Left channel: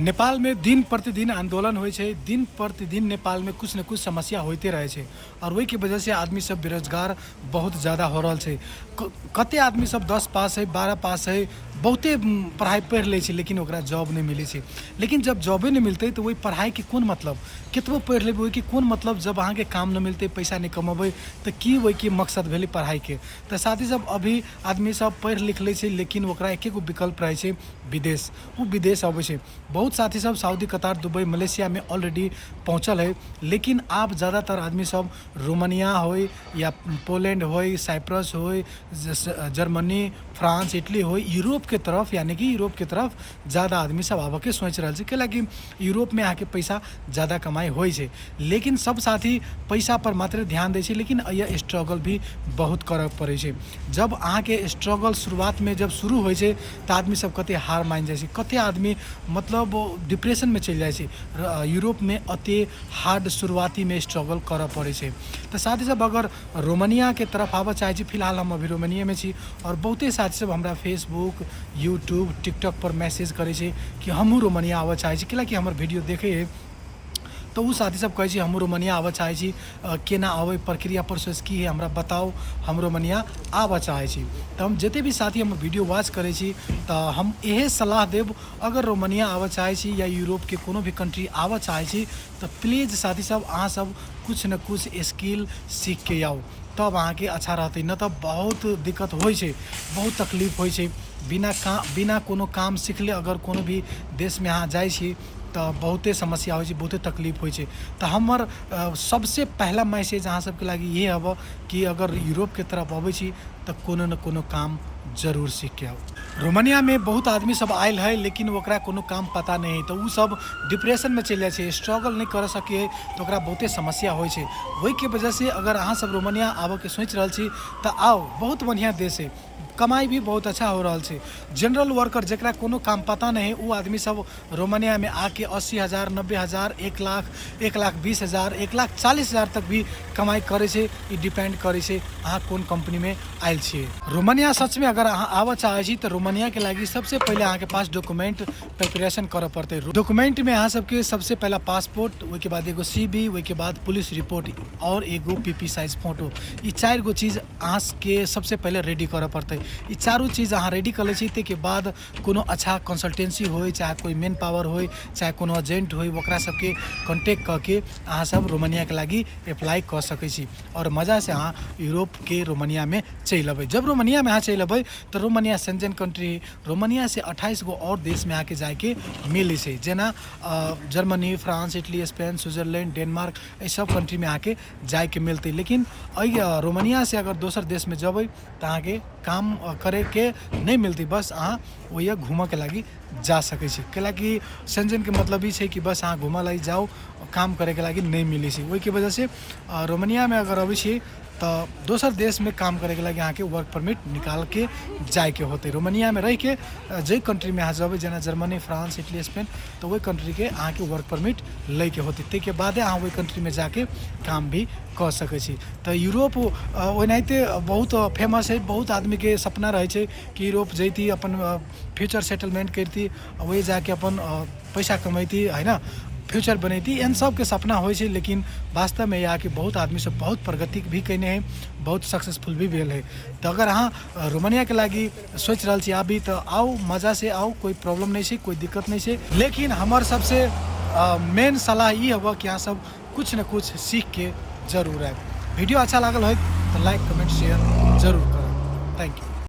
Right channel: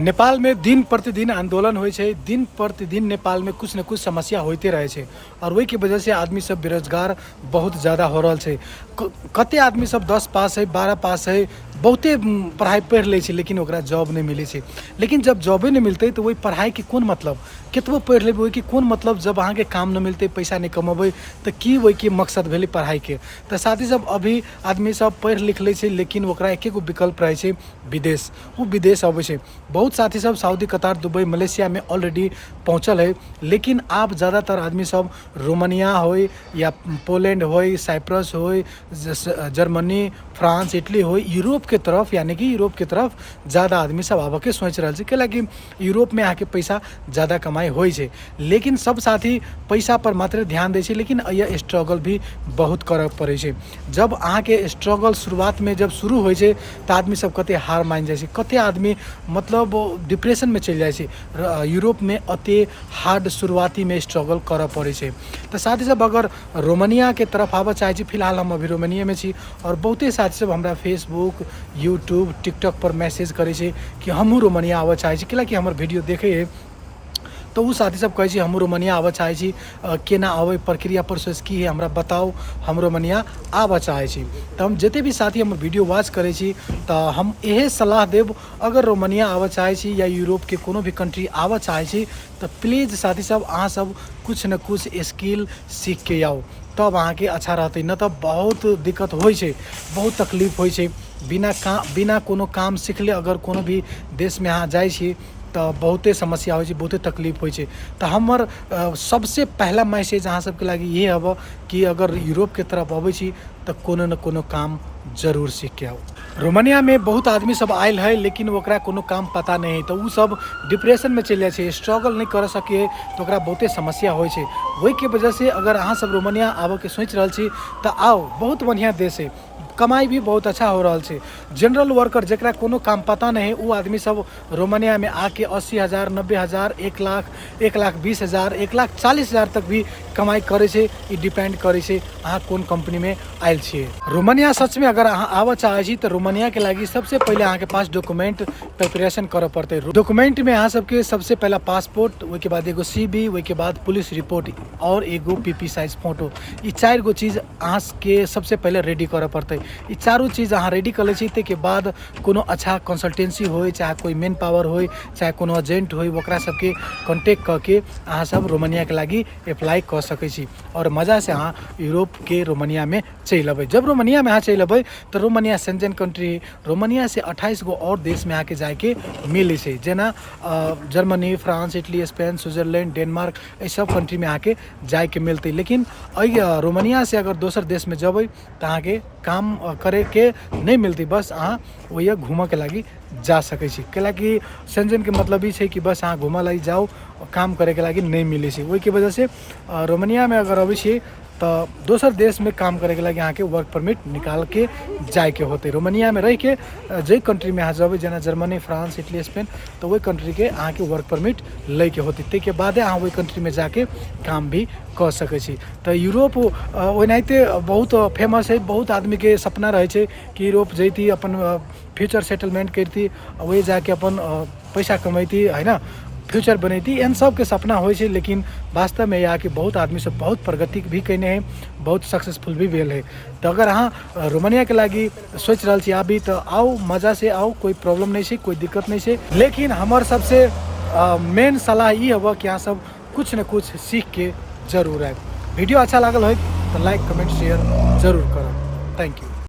नेपाल में दिन प्रतिदिन आंदोलन होइ छै, दिन प्रतिदिन नेपाल में कुछ न कुछ समस्या होते रहे छै और वही के वजह से आदमी सब बेरोजगार बहुत ज़्यादा हो रहा छै। कते आदमी सब 10 पास है, 12 पास है, बहुते पढ़ाई पढ़ ले छै लेकिन ओकरा जॉब नहीं मिले छै। लेकिन जब जॉबे नहीं मिलते तो वही पढ़ाई के कौन मतलब, कितबो पढ़ लेबै कि कौन मतलब जब अहाँ के काम नहीं मिलते, पैसा नहीं कमेबै तो की वही के मकसद भेलै पढ़ाई के। तो साथी सब अभी आदमी सब पढ़ लिख ले छै लेकिन ओकरा एके गो विकल्प रहे छै विदेश, वो विदेश अबै छै। बहुत साथी सब सऊदी, कतार, दुबई, मलेशिया में ऑलरेडी पहुँचल है, लेकिन आप ज़्यादातर आदमी सब रोमानिया हो या पोलैंड हो, साइप्रस हो, जर्मनी, फ्रांस, इटली हो, यूरोप के तरफ यानी कि यूरोप के तरफ ज़्यादा आदमी सब आबे के सोच रहा है कि यूरोप में आके पैसा ज़्यादा कमाई हो। लेकिन सब साथी पैसा पर मात्र ध्यान दे, लेकिन यह स्ट्रगल भी बहुत करे पड़े। जब अहाँ के स्ट्रगल शुरुआत में जब शुरू हो तो आदमी सब कते हार मान जाए, कते आदमी मतलब डिप्रेशन में चल जाए। यूरोप में अति हार्ड शुरुआती में स्ट्रगल कर पड़े। तो साथी सब अगर रोमानिया के तरफ आबे चाहे, फिलहाल हम अभी रोमानिया में छी और बहुते साथी सब हमरा फेसबुक, यूट्यूब, टिकटॉक पर मैसेज करे कि हमहूँ रोमानिया आबे चाहे, कि हमारे वीडियो देखे है तो वो साथी सब कहे हम रोमानिया आबे चाहे, केना आवे प्रक्रिया प्रोसेस की है हमरा बताओ, हम रोमानिया आबे चाहे। तो हम जिते भी साथी हम वीडियो वॉच करे तो हम यही सलाह देव, अगर रोमानिया आबे चाहे या यूरोप के कोनो भी कंट्री आबे चाहे तो प्लीज़ साथी सब अहाँ सब कुछ न कुछ स्किल सीख के आओ, तब अहाँ के अच्छा रहते। न तो बहुत दिक्कत हो, बहुत तकलीफ हो। बिना कोनो काम सीखले अगर कोनो भी देश में अहाँ जाए तो बहुते समस्या हो, बहुते तकलीफ हो। तो हमार सबसे पहला मैसेज अहाँ सबके लगी ये हब कि अगर यूरोप के तरफ अबै तो कोनो न कोनो काम जरूर सीख के आओ। रोमानिया में बहुत आदमी सब आयल है लेकिन ओकरा कोनो काम पता नहीं है, तो वो सब डिप्रेशन में चल जाए, स्ट्रगल नहीं कर सके तो ओकरा बहुते समस्या हो। वही के वजह से अगर अहाँ सब रोमानिया आबे के सोच रहा छी तो आओ, बहुत बढ़िया देश है, कमाई भी बहुत अच्छा हो रहा है। जनरल वर्कर जरा कोनो काम पता नहीं है वो आदमी सब रोमानिया में आके 80,000, 90,000, 1,00,000, 1,20,000, 1,40,000 तक भी कमाई करे से। ये डिपेंड करे से अहाँ कौन कंपनी में आयल छे। रोमानिया सच में अगर अहाँ आबे चाहे तो रोमानिया के लगी सबसे पहले अहाँ के पास डॉक्यूमेंट प्रिपरेशन करे पड़ते। डॉक्यूमेंट में अहाँ सबके सबसे पहला पासपोर्ट, वो के बाद एगो CV, वो के बाद पुलिस रिपोर्ट और एगो PP साइज फोटो, ये 4 गो चीज़ अहाँ के सबसे पहले रेडी करे पड़ते। ये चारों चीज़ अहाँ रेडी कर ले के बाद कोनो अच्छा कंसल्टेंसी हो, चाहे कोई मेन पावर हो, चाहे कोनो एजेंट हो, ओकरा सबके कॉन्टेक्ट करके अहाँ सब रोमानिया के लगी अप्लाई कर सकै छी और मज़ा से अहाँ यूरोप के रोमानिया में चल अबै। जब रोमानिया में अहाँ चल अबै तो रोमानिया शेंजन कंट्री, रोमानिया से 28 गो और देश में आके जाके मिले से, जेना Germany, France, Italy, Spain, Switzerland, Denmark, ये सब कंट्री में आके जाके मिलते। लेकिन रोमानिया से अगर दोसर देश में जब तो अहाँ के काम करे के नहीं मिलती, बस अहाँ वही घूमे के लगी जा सकै छी। कैलाकि शेंजन के मतलब ही कि बस अहाँ घूमे लगी जाओ, काम करे के लगी नहीं मिले से। वही के वजह से रोमानिया में अगर अबै छी तो दोसर देश में काम करे के लगी अहाँ के वर्क परमिट निकाल के जाए के होते। रोमानिया में रह के जे कंट्री में अहाँ जब जेना जर्मनी, फ्रांस, इटली, स्पेन, तो वही कंट्री के अहाँ के वर्क परमिट ले के होते। ते के बाद अहाँ वही कंट्री में जाके काम भी कर सकै छी। तो यूरोप ओनाहिते बहुत फेमस है, बहुत आदमी के सपना रहे कि यूरोप जैती, अपन फ्यूचर सेटलमेंट करती, वही जाके अपन पैसा कमैती है ना, फ्यूचर बनैती, इन सब के सपना हो। लेकिन वास्तव में यहाँ के बहुत आदमी सब बहुत प्रगति भी कैने हैं, बहुत सक्सेसफुल भी भेल है। तो अगर अहाँ रोमानिया के लगी सोच रहा छी आबी तो आओ, मज़ा से आओ, कोई प्रॉब्लम नहीं है, कोई दिक्कत नहीं है। लेकिन हमार सबसे मेन सलाह ये होगा कि अहाँ सब कुछ न कुछ सीख के जरूर आए। वीडियो अच्छा लागल हो तो लाइक, कमेंट, शेयर जरूर करो। Thank you.